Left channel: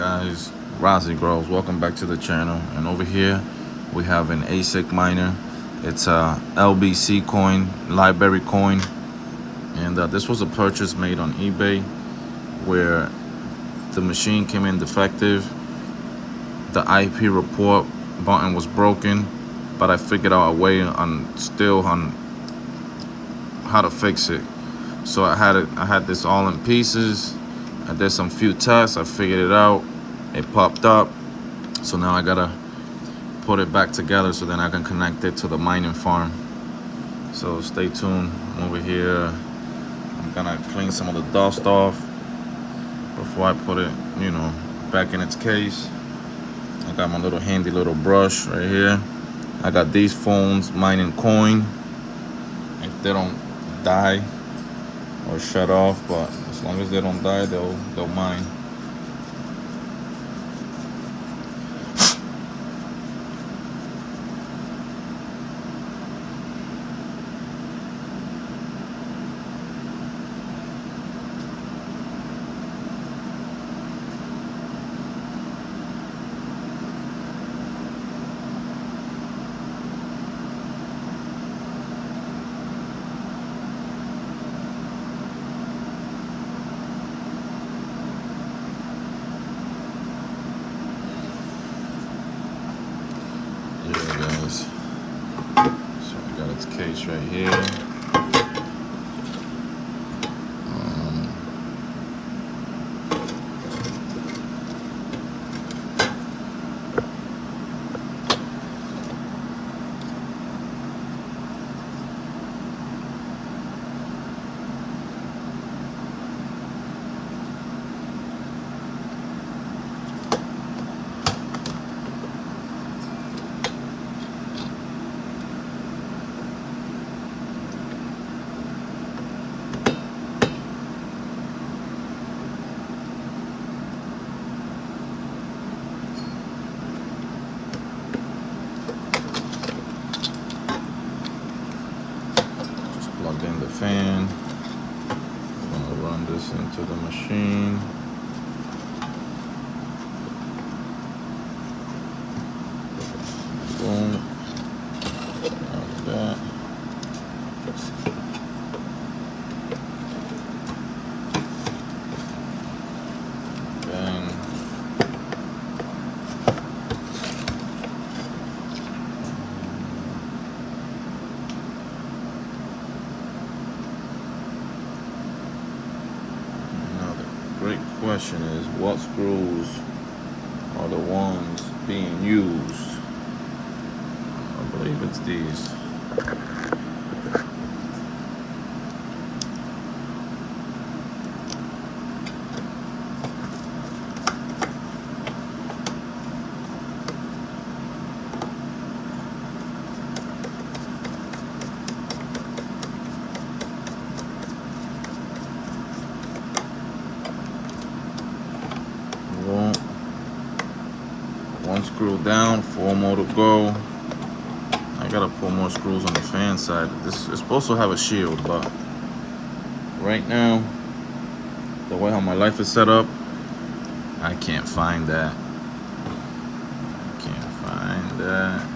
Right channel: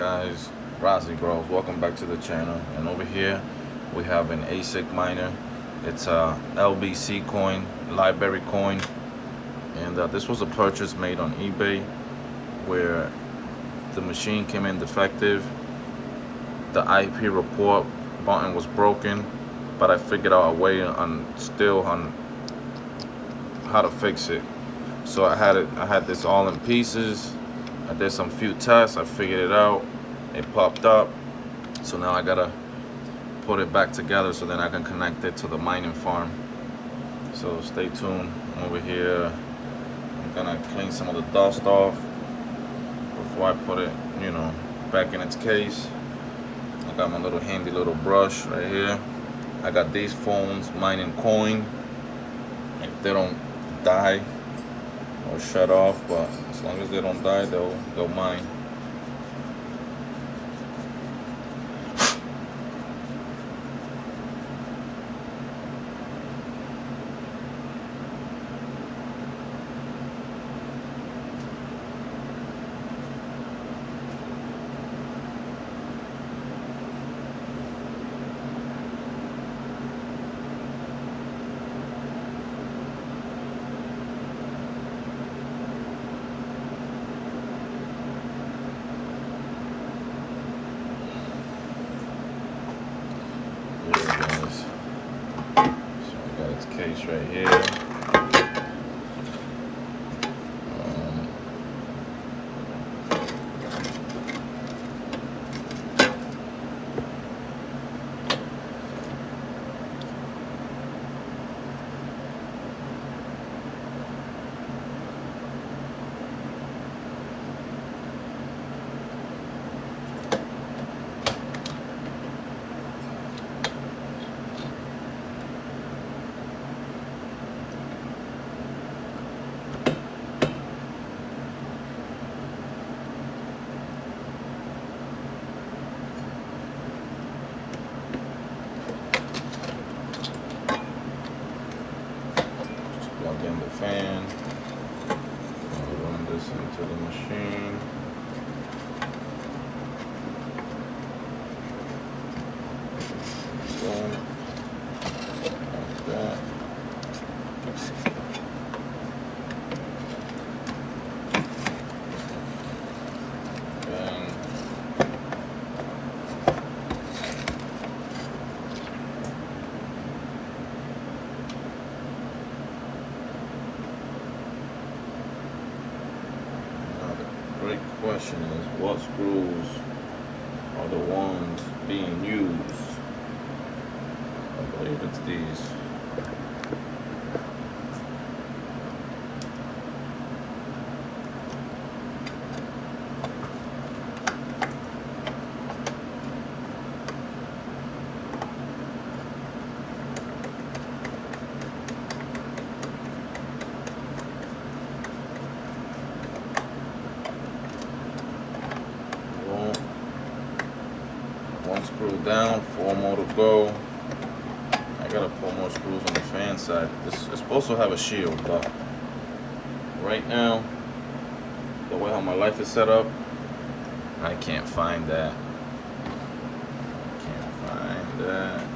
guys? Razziigrows, welcome back to the channel. And over here we have an ASIC miner. It's a LBC coin, library coin, and this was a purchase made on eBay where the machine came in defective. The IP report button was broken, but I figured out a way on how to fix it. So I had this all in pieces. I did some few tests, I figured it out, it popped up. So now I gotta put it back together so then I can connect it to the mining farm. So stay tuned. I'm over here, I'm gonna clean some of the dust off before I put it, back in its case. I got my little handy little brush right here. I got these phones mining coin. If they don't die or shut off, but as long as they don't die, they'll mine. Yeah, guys. So I got its case right here. Plug in the fan. I'll run this into the machine. Boom. Like that. Bang. Great question is, what screws are the ones being used? I believe it's these. One screw down, 4 more to go. I gotta put more screws on the fan side. This is supposed to have a shield, but right now, the way how my life is set up, I can't find that. I can't find that.